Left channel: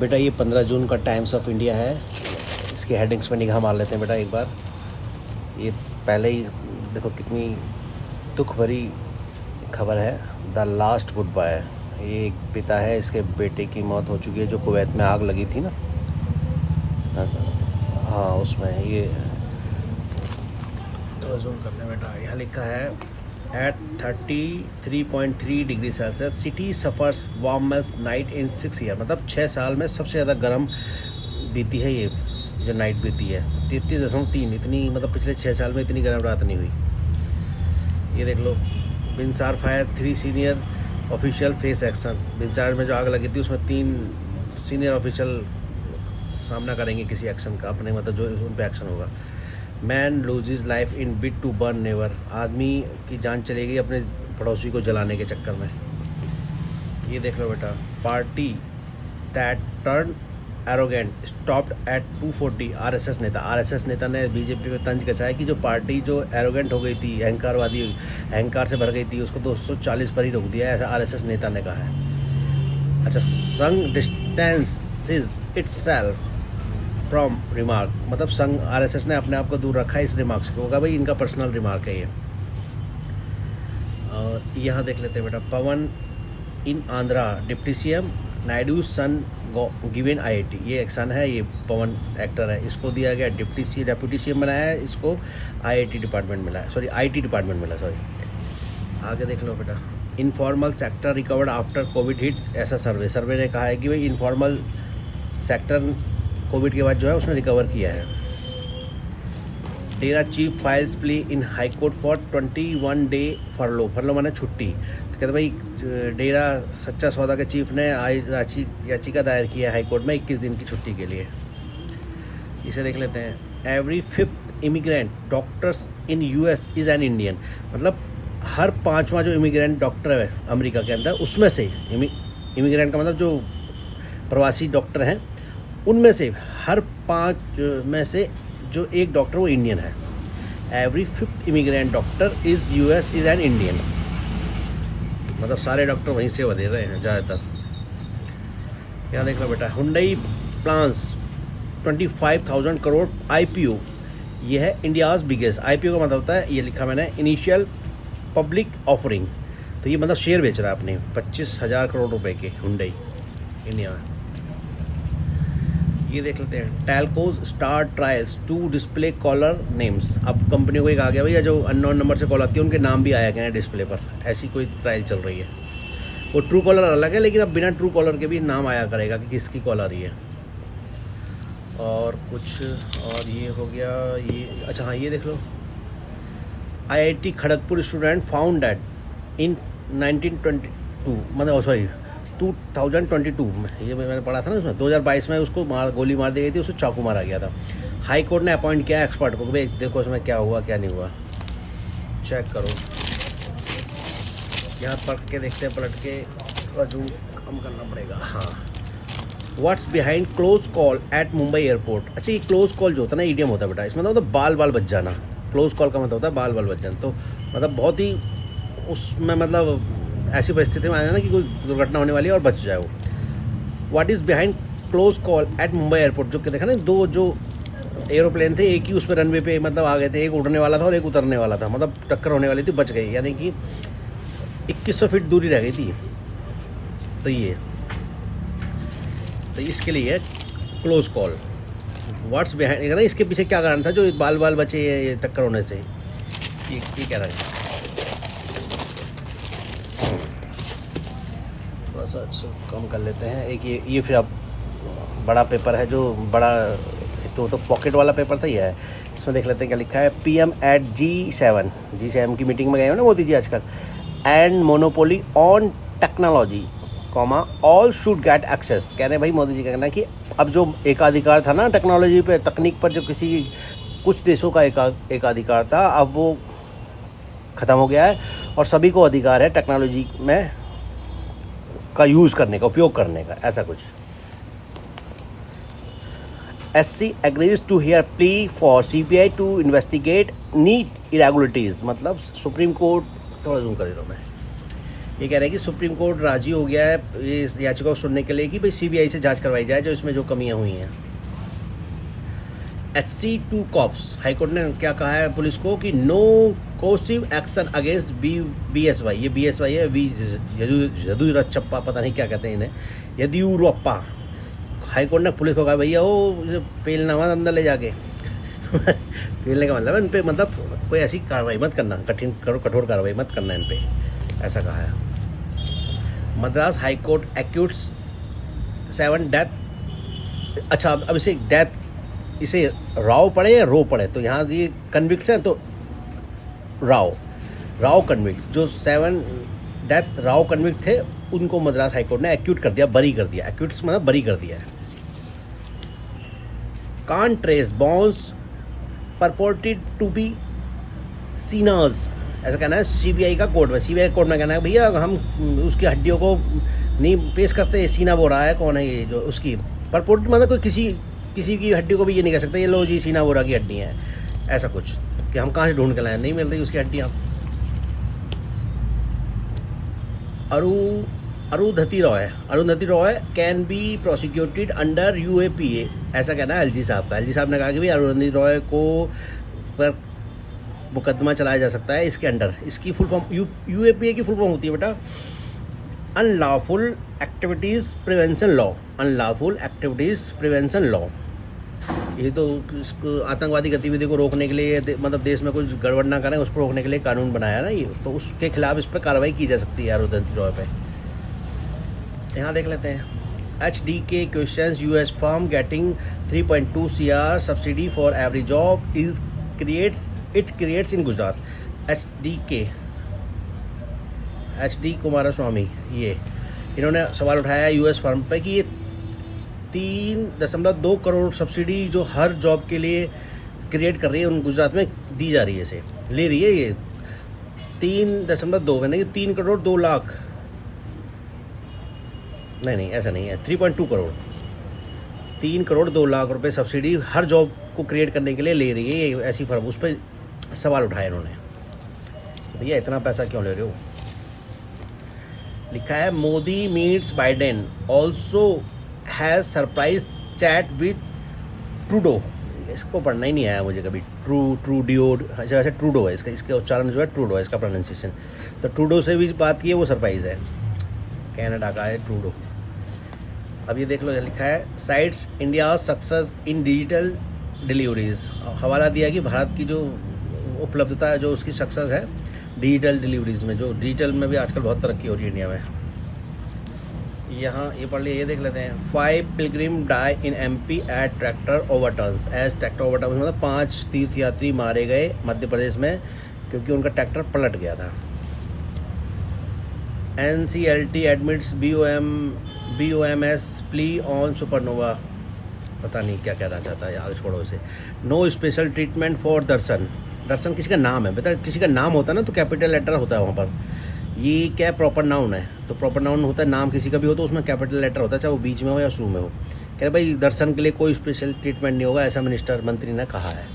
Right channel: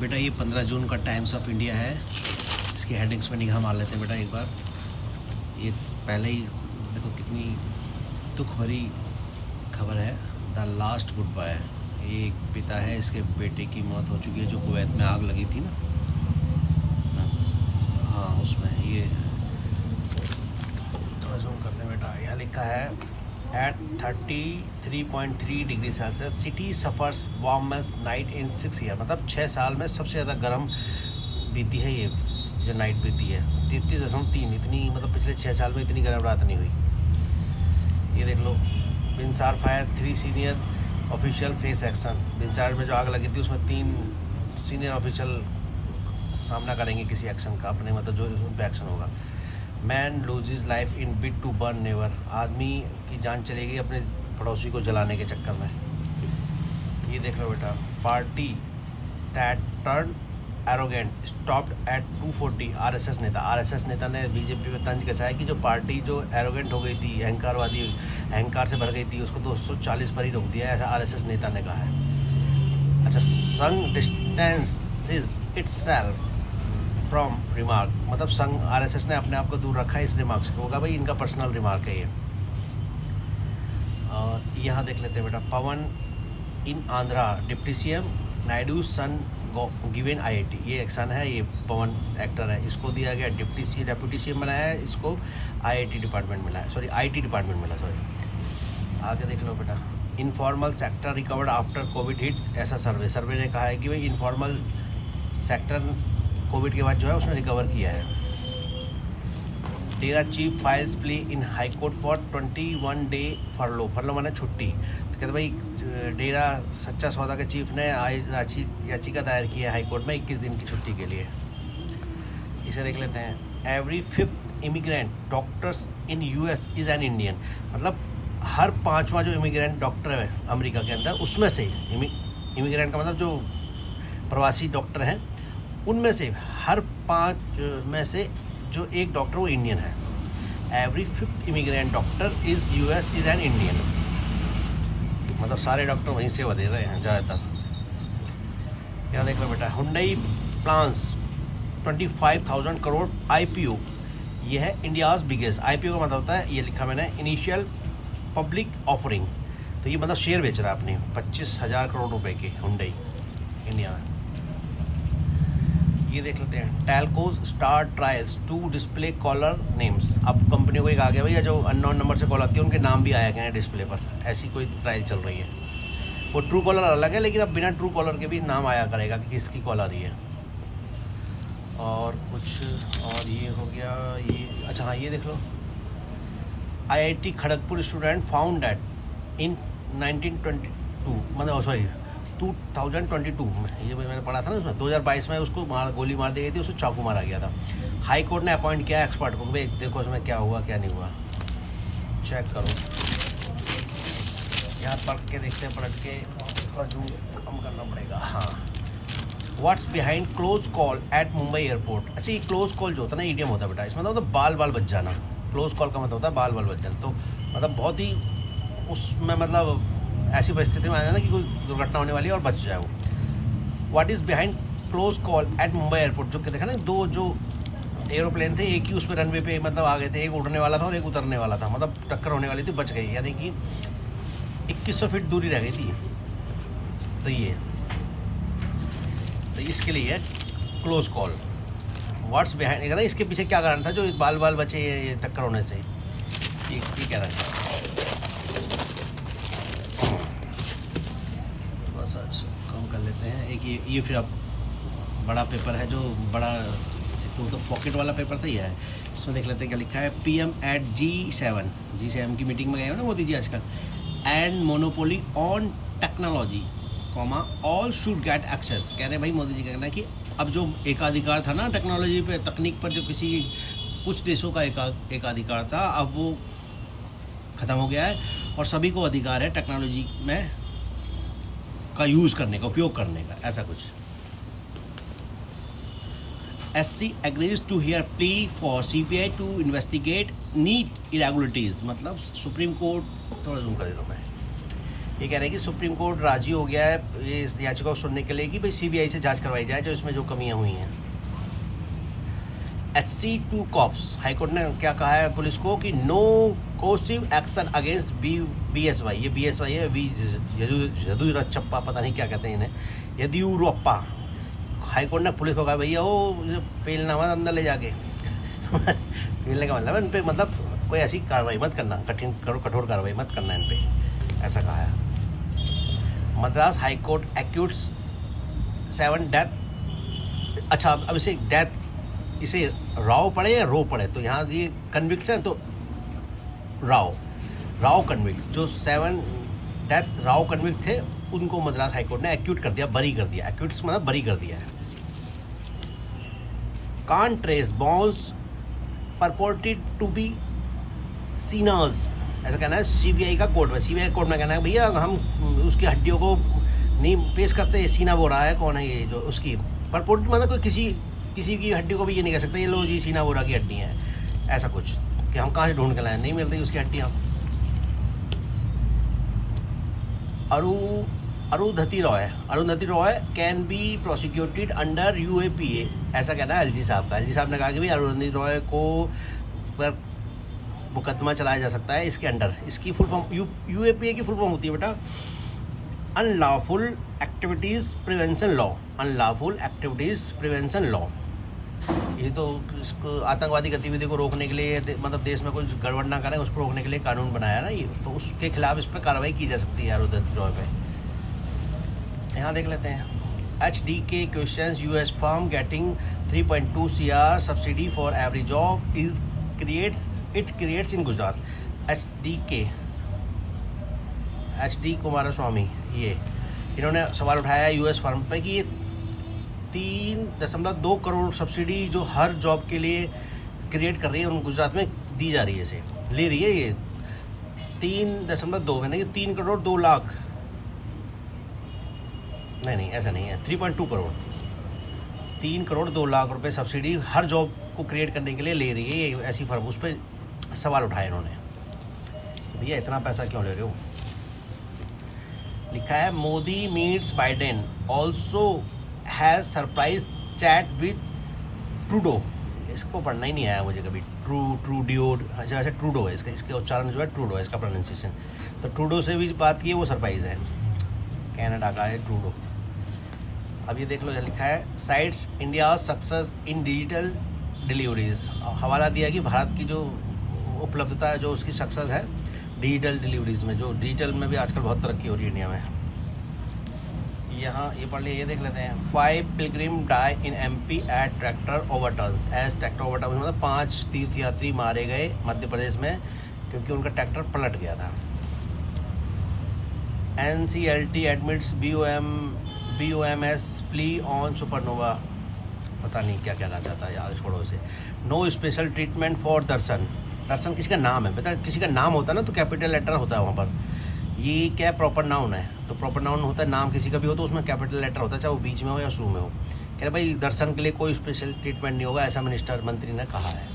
बेटा ये 15 जून का टाइम्स ऑफ इंडिया है। इसके हेडिंग्स पे निगाह मार लेते हैं बेटा एक बार। ये पहले ही देखो कितनी दुख भरी खबर है। The last good bye. ये एक पिता है, इसके बेटे की मौत हो चुकी है जो कुवैत में आग लगी थी ना। हाँ उसमें ये थोड़ा जूम करते हैं बेटा। यहाँ लिखा है at 33.3 degree Celsius city suffers warmest night in 6 year. मतलब 6 साल में सबसे ज़्यादा गर्म बीती है ये जो नाइट बीती है। 33.3 इतनी, मतलब पिछले 6 साल में इतनी गर्म रात नहीं हुई। ये देख लो, Binsar fire 3 senior official face action. Binsar में जो आग लगी थी उसमें 3 सीनियर ऑफिशियल सामना करेंगे किसी एक्शन का, अपने मतलब जो उन पर एक्शन होगा। Man loses life in bid to burn never. आदमी की जान चलेगी अपने पड़ोसी को जलाने के चक्कर में। ये देख लो बेटा, party that turn arrogant stopped at 240। RSS नेता ने बीजेपी में तंज कसा है कि जो पार्टी जो एरोगेंट हो गई थी, अहंकारवादी, अहंकार से भर गई थी, उसको 240 पर ही रोक दिया, ऐसा आरएसएस नेता ने कहा है। अच्छा, संघ डिस्टेंसेस इटसेल्फ फ्रॉम रिमार्क। मतलब संघ आरएसएस ने अपने आप को दूर रखा है इस रिमार्क से। होगा भाई इनका पर्सनल रिमार्क है ये। और यहाँ देख लेते हैं बेटा, पवन इन आंध्रा डिप्टी सीएम नायडू सन गिवन आईआईटी। ये एक सन है, ये पवन एक्टर है, इसको दिया गया डेप्यूटी सीएम बनाया है, इसको आईआईटी डिपार्टमेंट मिला है, सॉरी आईटी डिपार्टमेंट मिला, सॉरी। आगे देख लो बेटा, informal sector recovered after Covid hit. ऐसा सर्वे ने कहा है कि भाई इनफॉर्मल सेक्टर कोविड के बाद जो है उसने रिकवर किया है। Dera chief files plea in high court for 21 day furlough माने छुट्टी। तो कहते भाई डेरा सच्चा सौदा के चीफ ने आज याचिका दायर की है हाई कोर्ट में 21 दिन की छुट्टी के लिए। इसे देख लेते हैं, every 5th immigrant doctors in US is an Indian. मतलब हर 5वां जो इमिग्रेंट डॉक्टर है अमेरिका के अंदर, उसमें से इमिग्रेंट का मतलब जो प्रवासी डॉक्टर हैं उनमें से हर 5 में से जो एक डॉक्टर वो इंडियन है। Every 5th immigrant doctor is US is an Indian. मतलब सारे डॉक्टर वहीं से दे रहे हैं ज़्यादातर। यहाँ देख लो बेटा, हुंडई प्लान्स 25,000 करोड़ आईपीओ। ये है इंडियाज़ बिगेस्ट। आईपीओ का मतलब होता है, ये लिखा मैंने, इनिशियल पब्लिक ऑफरिंग। तो ये मतलब शेयर बेच रहा है अपने 25,000 करोड़ रुपए के हुंडई इंडिया। ये देख लेते हैं, telcos star trials to display caller names. अब कंपनी को एक आ गया भैया, जो अननोन नंबर से कॉल आती है उनके नाम भी आया गए हैं डिस्प्ले पर। ऐसी कोई ट्रायल चल रही है। वो ट्रू कॉलर अलग है, लेकिन अब बिना ट्रू कॉलर के भी नाम आया करेगा कि किसकी कॉल आ रही है। और कुछ और ये हो गया ये। अच्छा हाँ, ये देख लो, IIT Kharagpur student found that in 1922 मतलब सॉरी 2022 में, ये मैंने पढ़ा था ना उसमें, 2022 में उसको गोली मार दी गई थी, उसको चाकू मारा गया था। हाई कोर्ट ने अपॉइंट किया एक्सपर्ट को, भाई देखो उसमें क्या हुआ क्या नहीं हुआ, चेक करो। यहाँ पढ़ के देखते हैं, पलट के थोड़ा जूम कम करना पड़ेगा। हाँ, what's behind close call at Mumbai airport. अच्छा, ये क्लोज कॉल जो होता है ना, ईडीएम होता है बेटा, इसमें मतलब बाल बच जाना। क्लोज कॉल का मतलब होता है बाल बच जाना। तो मतलब बहुत ही उसमें मतलब ऐसी परिस्थिति में आया ना कि कोई दुर्घटना होने वाली है और बच जाए वो। What is behind close call at Mumbai airport. जो कि देखा ना, 2 जो एरोप्लेन थे, एक ही उस पर रनवे पे मतलब आ गए थे, एक उड़ने वाला था और एक उतरने वाला था, मतलब टक्कर होने वाली थी, बच गई, यानी कि 2100 फीट दूरी रह गई थी। तो इसके लिए क्लोज कॉल। व्हाट्स बिहाइंड, इसके पीछे क्या कारण था जो बाल बचे ये टक्कर होने से, ये कह रहा है। कम कर लेते हैं। एक ये फिर अब बड़ा पेपर है, जो बड़ा तो पॉकेट वाला पेपर था ये है। इसमें देख लेते हैं क्या लिखा है। पीएम एट G7 की मीटिंग में गए हो ना मोदी जी आजकल। And monopoly on technology comma all should get access. कह रहे हैं भाई मोदी जी का कहना है कि अब जो एकाधिकार था ना टेक्नोलॉजी पे, तकनीक पर, जो कुछ देशों का एकाधिकार था, अब वो ख़त्म हो गया है और सभी को अधिकार है टेक्नोलॉजी में का यूज़ करने का, उपयोग करने का, ऐसा कुछ। SC agrees to hear plea for CBI to investigate NEET irregularities। मतलब सुप्रीम कोर्ट, थोड़ा जूम कर देता हूँ मैं, ये कह रहे हैं कि सुप्रीम कोर्ट राजी हो गया है इस याचिका को सुनने के लिए कि भाई सीबीआई से जांच करवाई जाए जो इसमें जो कमियां हुई हैं। HC2 कॉप्स, हाईकोर्ट ने क्या कहा है पुलिस को कि no coercive action against BSY, ये BSY है, येदियुरप्पा, पता नहीं क्या कहते हैं इन्हें, येदियुरप्पा। हाईकोर्ट ने पुलिस को कहा भैया वो पेलना मत अंदर ले जाके पेलने का मतलब है इन पे, मतलब कोई ऐसी कार्रवाई मत करना, कठोर कार्रवाई मत करना इन पे, ऐसा कहा है। Madras high court acquits 7 death. अच्छा, अब इसे डेथ, इसे राव पढ़े या रो पढ़े, तो यहाँ ये कन्विक्ट है तो राव कन्विक्ट, जो 7 डेथ राव कन्विक्ट थे उनको मद्रास हाईकोर्ट ने एक्यूट कर दिया, बरी कर दिया। एक्यूट मतलब बरी कर दिया है। Can't trace bones purported to be Sheena's, ऐसा कहना है सीबीआई का कोर्ट में। सीबीआई कोर्ट में कहना है भैया हम उसकी हड्डियों को नहीं पेश करते, सीना बोरा है कौन है ये जो उसकी परपोर्ट, मतलब कोई किसी की हड्डी को भी ये नहीं कह सकता ये लो जी सीना बोरा की हड्डी है, ऐसा कुछ कि हम कहाँ से ढूंढ के लाए, नहीं मिल रही उसकी हड्डियाँ। Arundhati Roy can be prosecuted under UAPA, ऐसा कहना है एलजी साहब का। एलजी साहब ने कहा कि भाई अरुंधति रॉय को पर मुकदमा चलाया जा सकता है इसके अंडर। इसकी फुल फॉर्म UAPA की फुल फॉर्म होती है बेटा unlawful activities prevention law, unlawful activities prevention law. ये तो इसको आतंकवादी गतिविधि को रोकने के लिए, मतलब देश में कुछ गड़बड़ ना करें उसको रोकने के लिए कानून बनाया ना ये, तो उसके खिलाफ इस पर कार्रवाई की जा सकती है अरुंधति रॉय पे। यहाँ देख लेते हैं HDK questions US firm getting 3.2 CR subsidy for every job is creates in Gujarat. HD Kumaraswamy, ये इन्होंने सवाल उठाया है US फर्म पे कि ये 3.2 करोड़ सब्सिडी जो हर जॉब के लिए क्रिएट कर रही है उन गुजरात में दी जा रही है, इसे ले रही है ये 3.2 में नहीं 3 करोड़ 2 लाख, नहीं ऐसा नहीं है, 3.2 करोड़, 3 करोड़ 2 लाख रुपए सब्सिडी हर जॉब को क्रिएट करने के लिए ले रही है ये ऐसी फर्म। उस पर सवाल उठाया इन्होंने, भैया इतना पैसा क्यों ले रहे हो। लिखा है Modi meets Biden also has surprise chat with Trudeau. इसको पढ़ना ही नहीं आया मुझे कभी, ट्रूडियो, अच्छा वैसे ट्रूडो है इसका, इसके उच्चारण जो है ट्रूडो है इसका प्रोनाउंसिएशन। तो ट्रूडो से भी बात की है, वो सरप्राइज है, कनाडा का है ट्रूडो। अब ये देख लो, लिखा है sites India success in digital deliveries. हवाला दिया कि भारत की जो उपलब्धता है, जो उसकी सक्सेस है डिजिटल डिलीवरीज में, जो डिजिटल में भी आजकल बहुत तरक्की हो रही है इंडिया में। यहाँ ये पढ़ लिया, ये देख लेते हैं 5 pilgrim die in MP as tractor overturns. As tractor overturns मतलब 5 तीर्थयात्री मारे गए मध्य प्रदेश में क्योंकि उनका ट्रैक्टर पलट गया था। NCLT admits BOMS plea on supernova, पता नहीं क्या कहना चाहता है यार, छोड़ो इसे। नो स्पेशल ट्रीटमेंट फॉर दर्शन किसी का नाम है, बता किसी का नाम होता है ना तो कैपिटल लेटर होता है वहाँ पर, ये क्या प्रॉपर नाउन है, तो प्रॉपर नाउन होता है, नाम किसी का भी हो तो उसमें कैपिटल लेटर होता है, चाहे वो बीच में हो या शुरू में हो। कह रहे भाई दर्शन के लिए कोई स्पेशल ट्रीटमेंट नहीं होगा, ऐसा मंत्री ने कहा है।